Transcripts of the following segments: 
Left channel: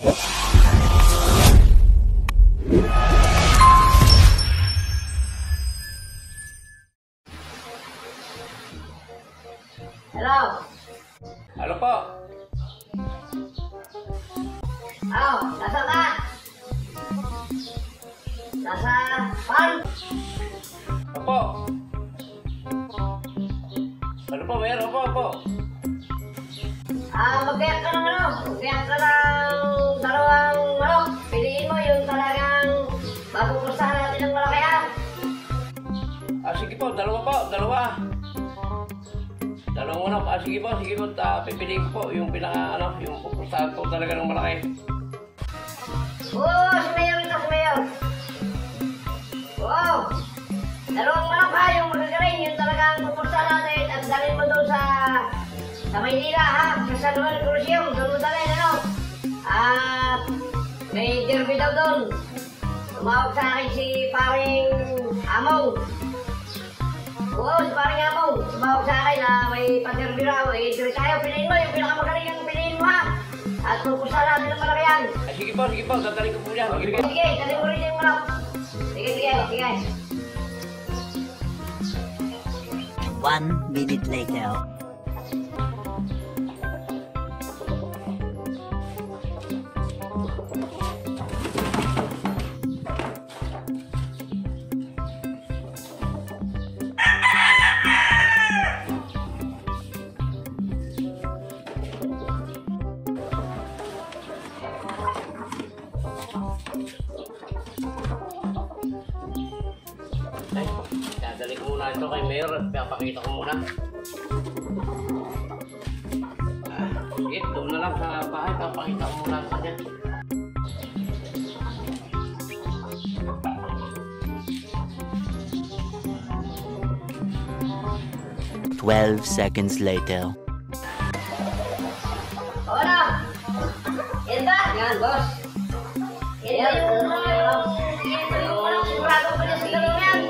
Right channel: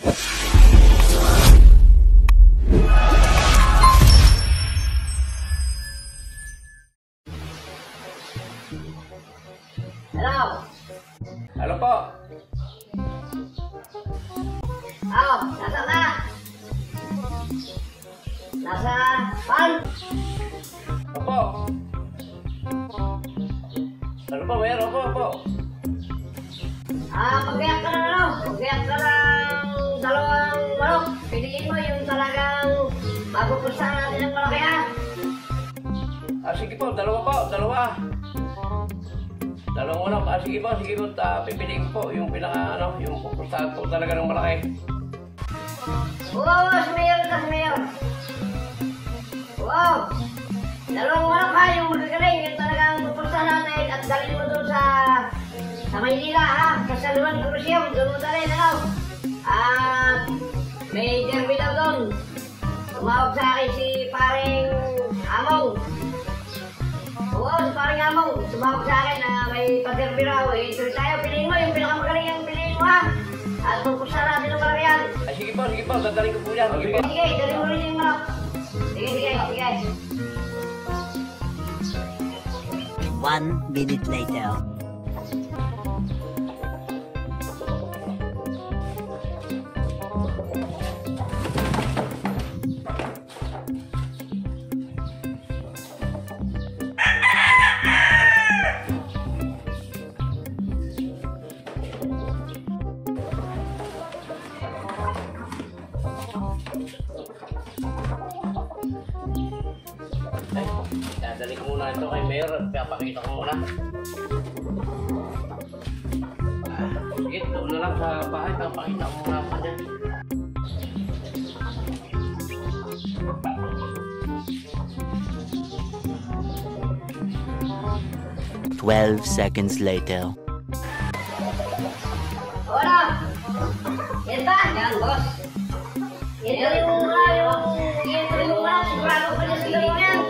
Hello? Halo po. Oh, nasa ka? Nasa pan? Opo. Ano po, Mayor? Opo. Magbiyak ka ng ano? Magbiyak ka ng dalawang manok. Piliin mo yung talagang bago krusahan natin ng malaki ha. Sige po, dalawa. Dalawang manok. Sige po. Pipiliin ko po yung yung pupustahan po talaga ng malaki. Oo, si Mayor. Oo. Dalawang manok ha, yung magagaling, yung talagang krusahan natin at dalhin mo doon sa Maynila ha. Kasaluan Crucium, doon mo dalhin ano. At may derby daw doon. Tumawag sa akin si paring Amaw. Oo, si paring Amaw. Tumawag sa akin na may pa-derby raw. Tuloy tayo, piliin mo yung pinakamagaling yung piliin mo ha. At pupusta natin ng malaki yan. Sige po. Dadaling ko po yan. Sige, dalhin mo rin yung manok. Sige. 1 minute later. Dadali ko muna ito kay Mayor at papakita ko muna. Sige, doon na lang sa bahay. Papakita ko muna sa kanya. Twelve seconds later. Hola! Yan ba? Yan, boss. Yan yung wala sigurado ko na siguro yan.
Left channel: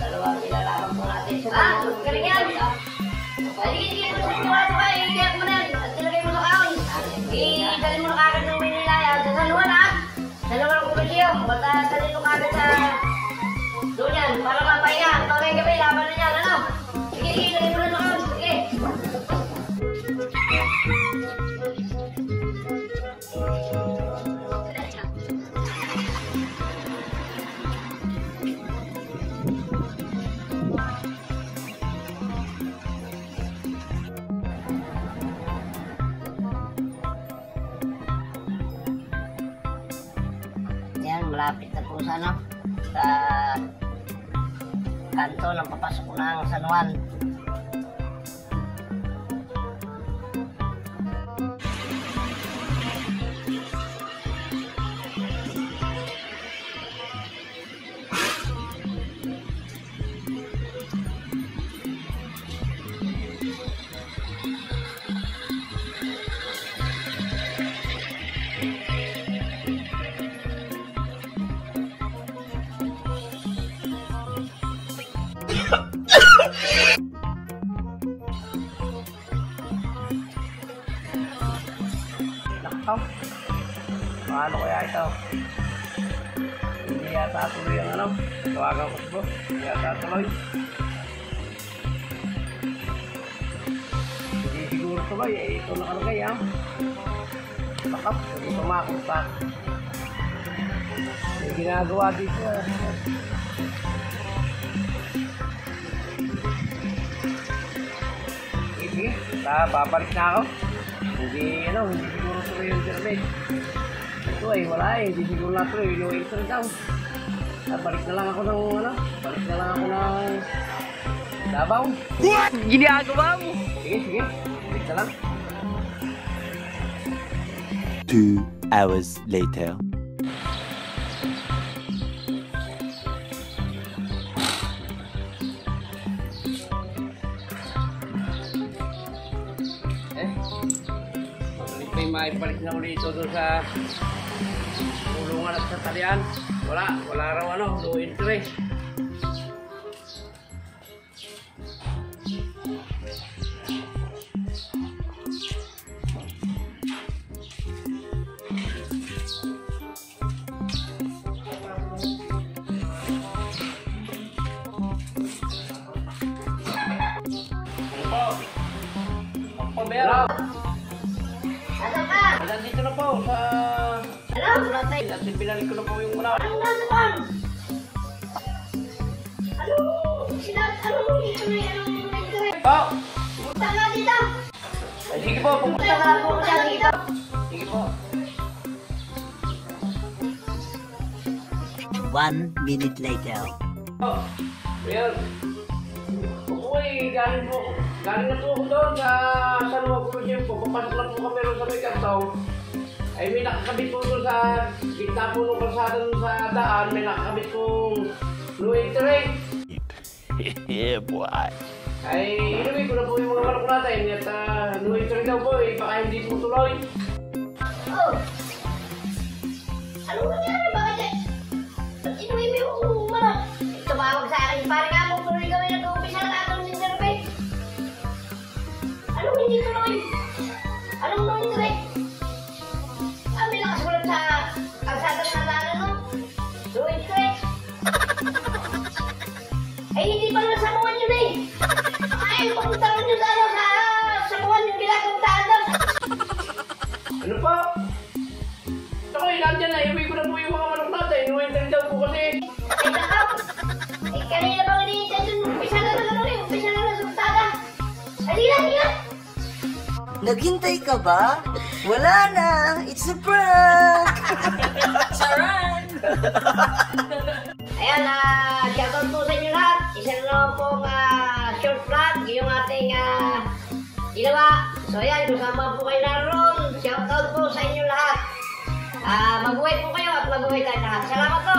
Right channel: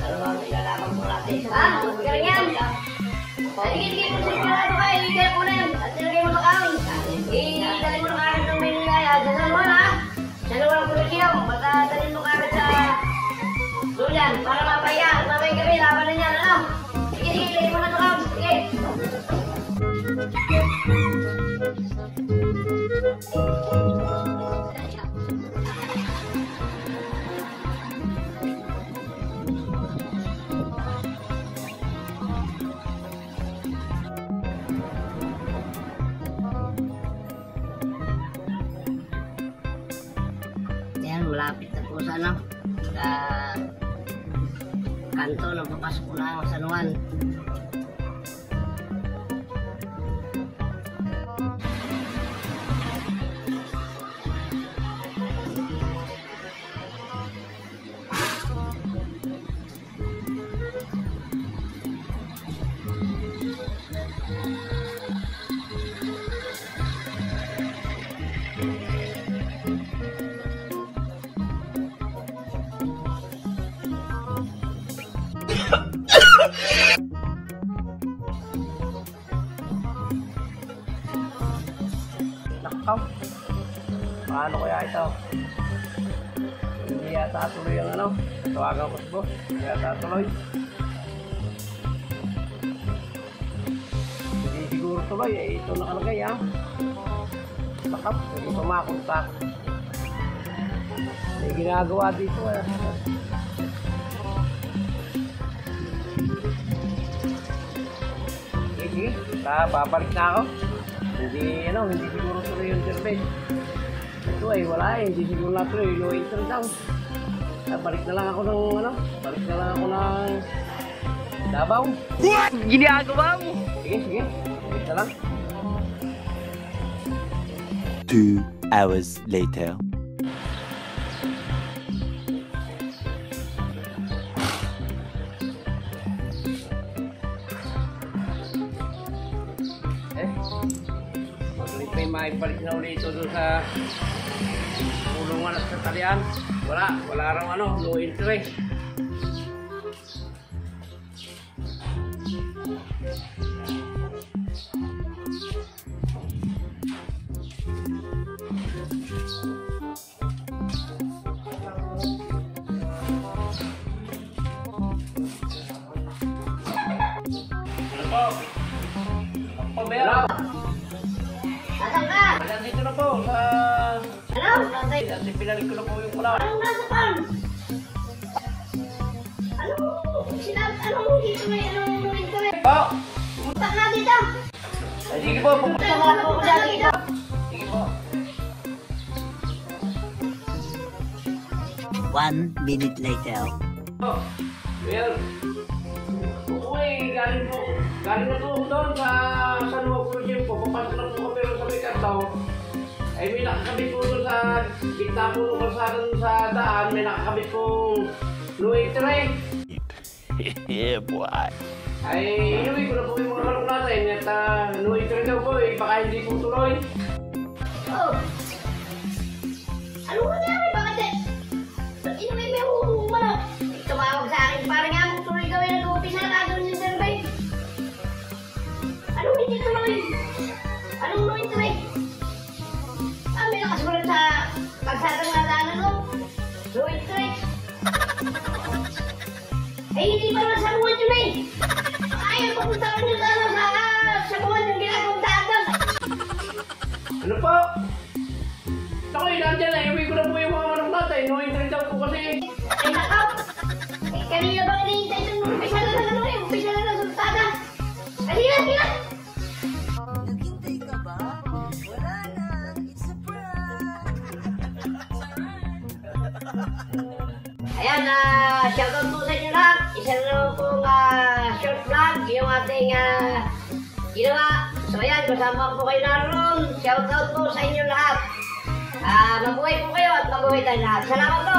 Dalawang ilalawag mo natin. Galing yan. Sige, kung sigurado ka, i-get mo na. At silagay mo sa kaon. I-dali mo na kagad ng Maynila. Sa San Juan ha. Sa San Crucium. Basta dali mo kagad sa Duyan. Para mapaya. At mabay kami, laban na yan. Ano? Sige, dali mo na sa kaon. Sige. Malapit na po sana sa kanto ng papasok ko ng San Juan. Nakaw. Paano kaya ito? Hindi yata tuloy ang ano. Tawagan ko si boss. Hindi yata tuloy. Hindi siguro tuloy. Ito nakalagay ha. Nakap. Hindi pumakontak. May ginagawa dito eh. Sige. Babalik na ako. Hindi siguro tuloy yung survey. Ito ay wala hindi siguro na tuloy yung intro daw. Balik na lang ako ng Davao. What? Ginagawa mo? Sige. Balik na lang. 2 hours later. May maibalik na ulit ito doon sa kulungan at sa talian. Wala raw no interest. sa... Ano? Natay. At pinalik ko na po yung wala. Anong nasa pan? Anong dito na anong internet? Po! Punta nga dito. Ay, sige po, pupunta. Punta nga po ko dito. Sige po. 1 minute later. Oh, ayan. Uy, galing na po ako doon sa San Juan Cruzeiro po. Papasok lang po kami rin sa may kantaw. Ay, may nakakabit po doon sa gitna po ng kalsada doon sa daan. May nakakabit pong no entry. Yeah, boy. Ay, inuwi ko na po yung mga manok natin. At no entry daw po eh. Baka hindi po tuloy. Oh. Anong nangyari? Bakit eh? Ba't inuwi mo yung ano? Tumawag sa akin. Parang nga kung tuloy kami nag-umpisa na doon sa survey. Anong hindi tuloy? Anong no entry? May nakasulat sa kalsadang nadaanan mo. No entry. Eh, hindi pa nga sabuan yun eh. Ayaw pupunta rin yung gano'n sa sabuan yung ginagawang daan. Ano po? Ako eh, nandyan na. Iuwi ko na po yung mga manok natin. No entry daw po kasi. Ay, nakaw! Eh, kanina pa kanina dyan, umpisa na ano eh, umpisa na sultada. Halina! Naghintay ka ba? Wala na! It's a prank! Charan! Ayan, shoutout po sa inyo lahat. Isa na naman pong short vlog, yung ating ginawa. So ayan, kasama po kayo naroon. Shoutout po sa inyo lahat. Mabuhay po kayo at mabuhay tayo lahat. Salamat po!